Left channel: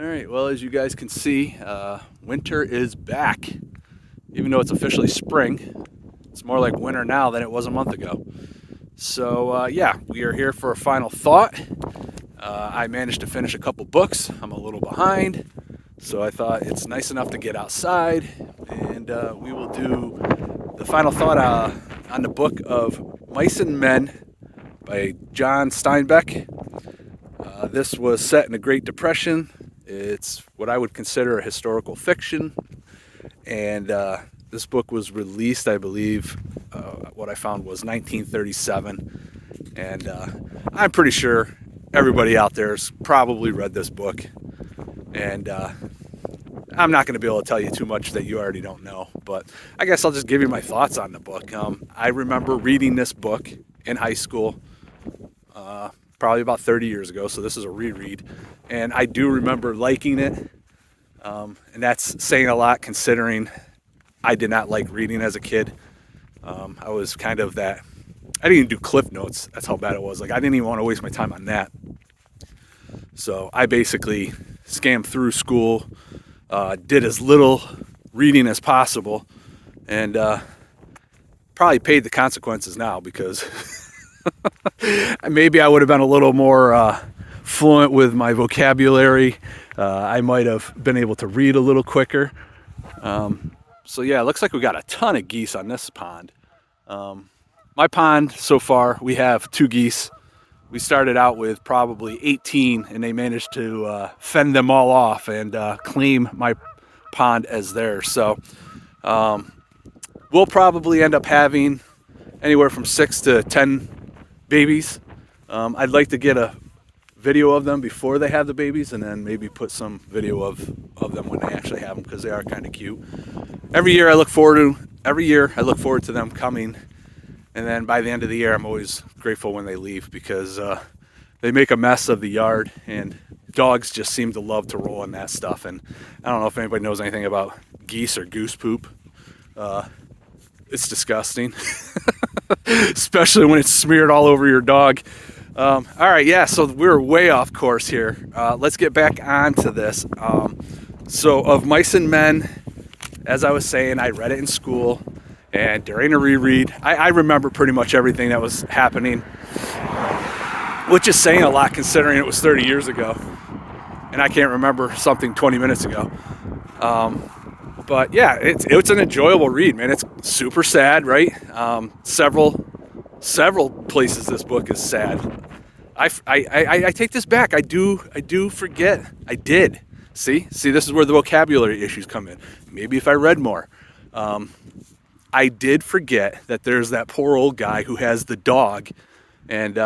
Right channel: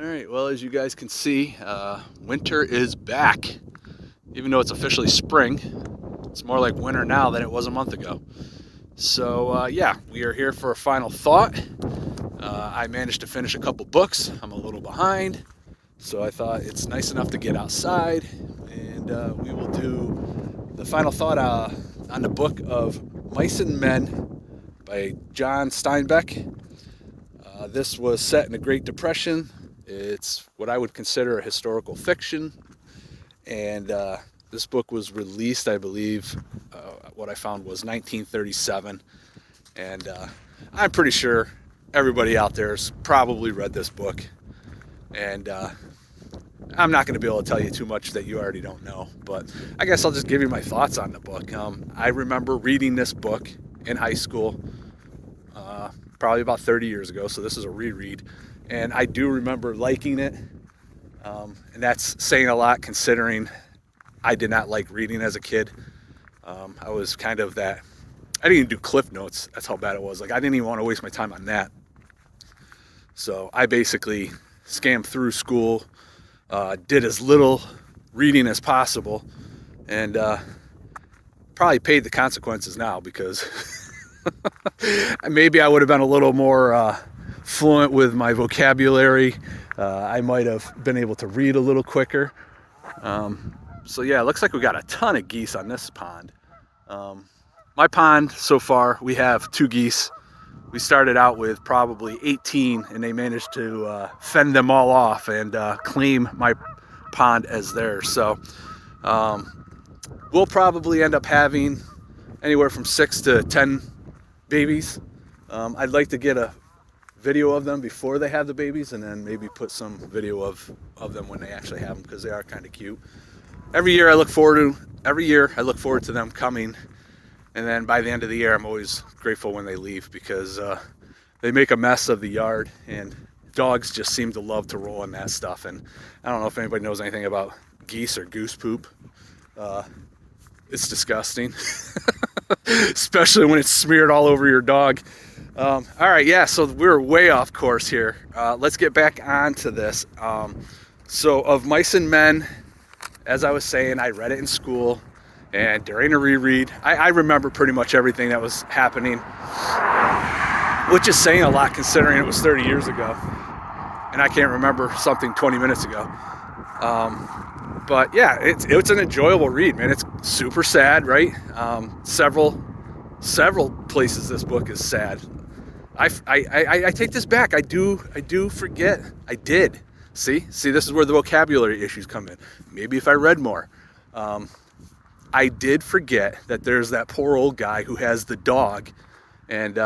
All right, well, as you guys can see, winter is back. Even though it's officially spring, it's more like winter now than it was a month ago. So, yeah, we are here for a final thought. I managed to finish a couple books. I'm a little behind, so I thought it's nice enough to get outside, and we will do the final thought on the book of Mice and Men by John Steinbeck. This was set in the Great Depression. It's what I would consider a historical fiction, and this book was released, I believe, what I found was 1937, and I'm pretty sure everybody out there has probably read this book, and I'm not going to be able to tell you too much that you already don't know, but I guess I'll just give you my thoughts on the book. I remember reading this book in high school, probably about 30 years ago, so this is a reread, and I do remember liking it, and that's saying a lot considering I did not like reading as a kid. I was kind of that, I didn't even do Cliff Notes, that's how bad it was. Like, I didn't even want to waste my time on that. So I basically scammed through school, did as little reading as possible, and probably paid the consequences now because maybe I would have been a little more fluent with my vocabulary. I might have been able to read a little quicker. So yeah, it looks like we got a ton of geese on this pond. My pond so far, we have 2 geese. We started out with probably 18, and they managed to fend them all off and claim my pond as theirs. So we'll probably end up having anywhere from 6 to 10 babies. I'd like to get a video of them before they have the babies, and then maybe put some video of them when they actually have them, because they are kind of cute. Every year I look forward to them coming, and then by the end of the year I'm always grateful when they leave, because they make a mess of the yard, and dogs just seem to love to roll in that stuff. And I don't know if anybody knows anything about geese or goose poop. It's disgusting, especially when it's smeared all over your dog. All right, yeah, so we're way off course here. Let's get back onto this. So of Mice and Men, as I was saying, I read it in school, and during a reread, I remember pretty much everything that was happening, which is saying a lot considering it was 30 years ago, and I can't remember something 20 minutes ago. But yeah, it's an enjoyable read, man. It's super sad, right? Several places this book is sad. I take this back. I do forget. I did. See, this is where the vocabulary issues come in. Maybe if I read more. I did forget that there's that poor old guy who has the dog, and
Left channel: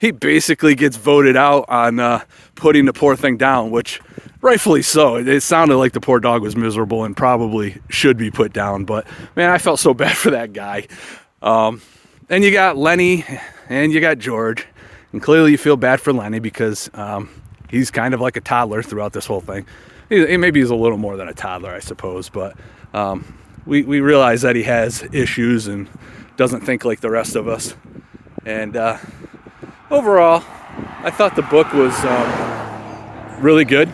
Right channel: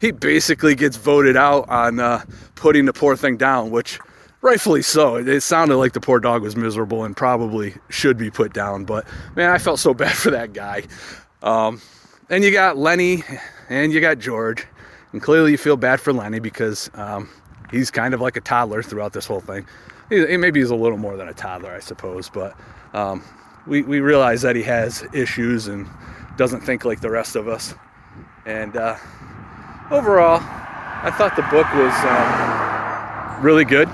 he basically gets voted out on putting the poor thing down, which rightfully so. It sounded like the poor dog was miserable and probably should be put down, but man, I felt so bad for that guy. And you got Lenny and you got George, and clearly you feel bad for Lenny because he's kind of like a toddler throughout this whole thing. Maybe he's a little more than a toddler, I suppose, but we realize that he has issues and doesn't think like the rest of us. And overall, I thought the book was really good.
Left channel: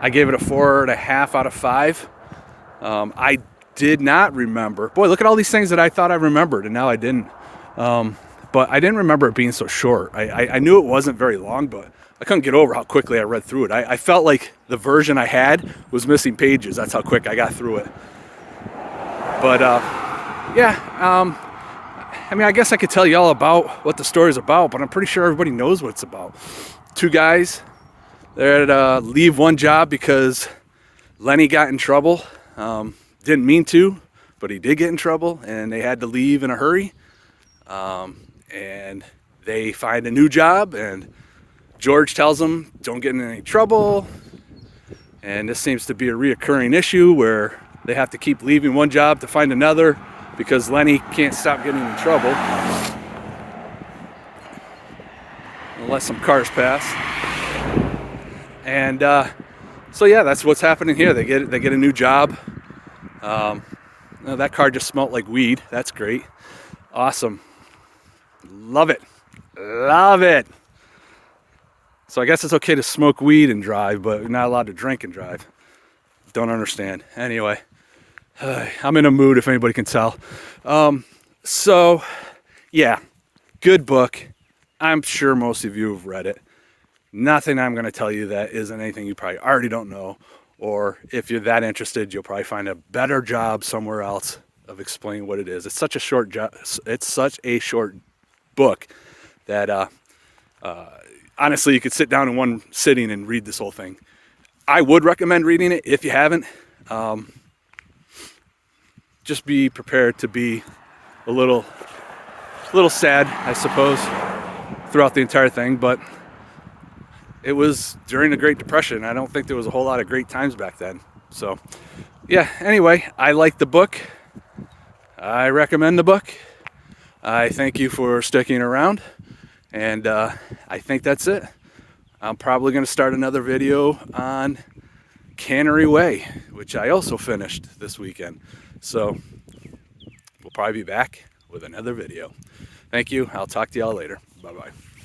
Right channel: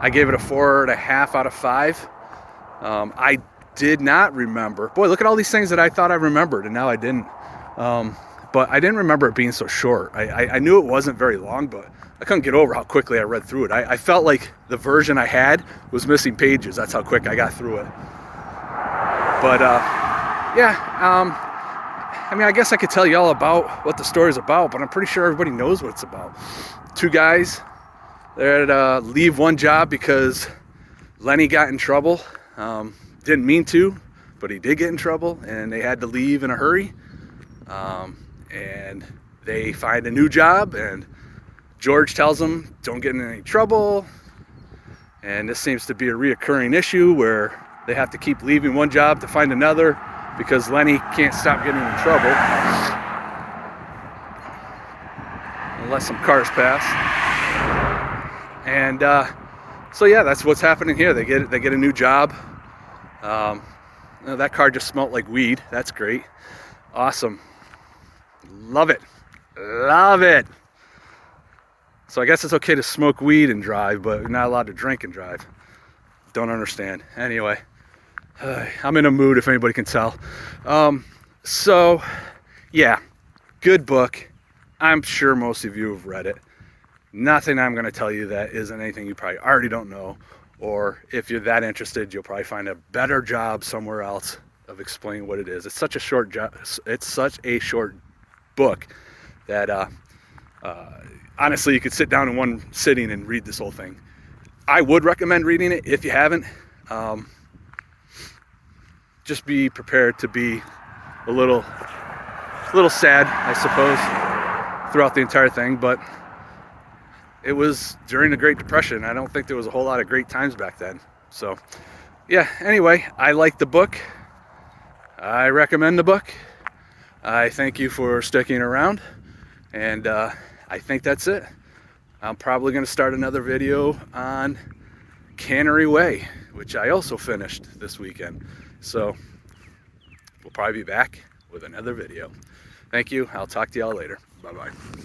I gave it a 4.5 out of 5. I did not remember. Boy, look at all these things that I thought I remembered, and now I didn't. But I didn't remember it being so short. I knew it wasn't very long, but I couldn't get over how quickly I read through it. I felt like the version I had was missing pages. That's how quick I got through it. But I mean, I guess I could tell you all about what the story's about, but I'm pretty sure everybody knows what it's about. 2 guys, they're at leave one job because Lenny got in trouble. Didn't mean to, but he did get in trouble, and they had to leave in a hurry. And they find a new job, and George tells them, don't get in any trouble. And this seems to be a reoccurring issue where they have to keep leaving one job to find another because Lenny can't stop getting in trouble. Unless some cars pass. And so yeah, that's what's happening here. They get a new job. That car just smelled like weed. That's great. Awesome. Love it. So I guess it's okay to smoke weed and drive, but you're not allowed to drink and drive. Don't understand. Anyway, I'm in a mood if anybody can tell. So yeah, good book. I'm sure most of you have read it. Nothing I'm going to tell you that isn't anything you probably already don't know, or if you're that interested, you'll probably find a better job somewhere else of explaining what it is. It's such a short job. It's such a short book that honestly, you could sit down in one sitting and read this whole thing. I would recommend reading it if you haven't. Just be prepared to be a little sad, I suppose, throughout the entire thing, but it was during the Great Depression. I don't think there was a whole lot of great times back then. So yeah, anyway, I like the book. I recommend the book. I thank you for sticking around, and I think that's it. I'm probably going to start another video on Cannery Way, which I also finished this weekend. So we'll probably be back with another video. Thank you. I'll talk to y'all later. Bye-bye.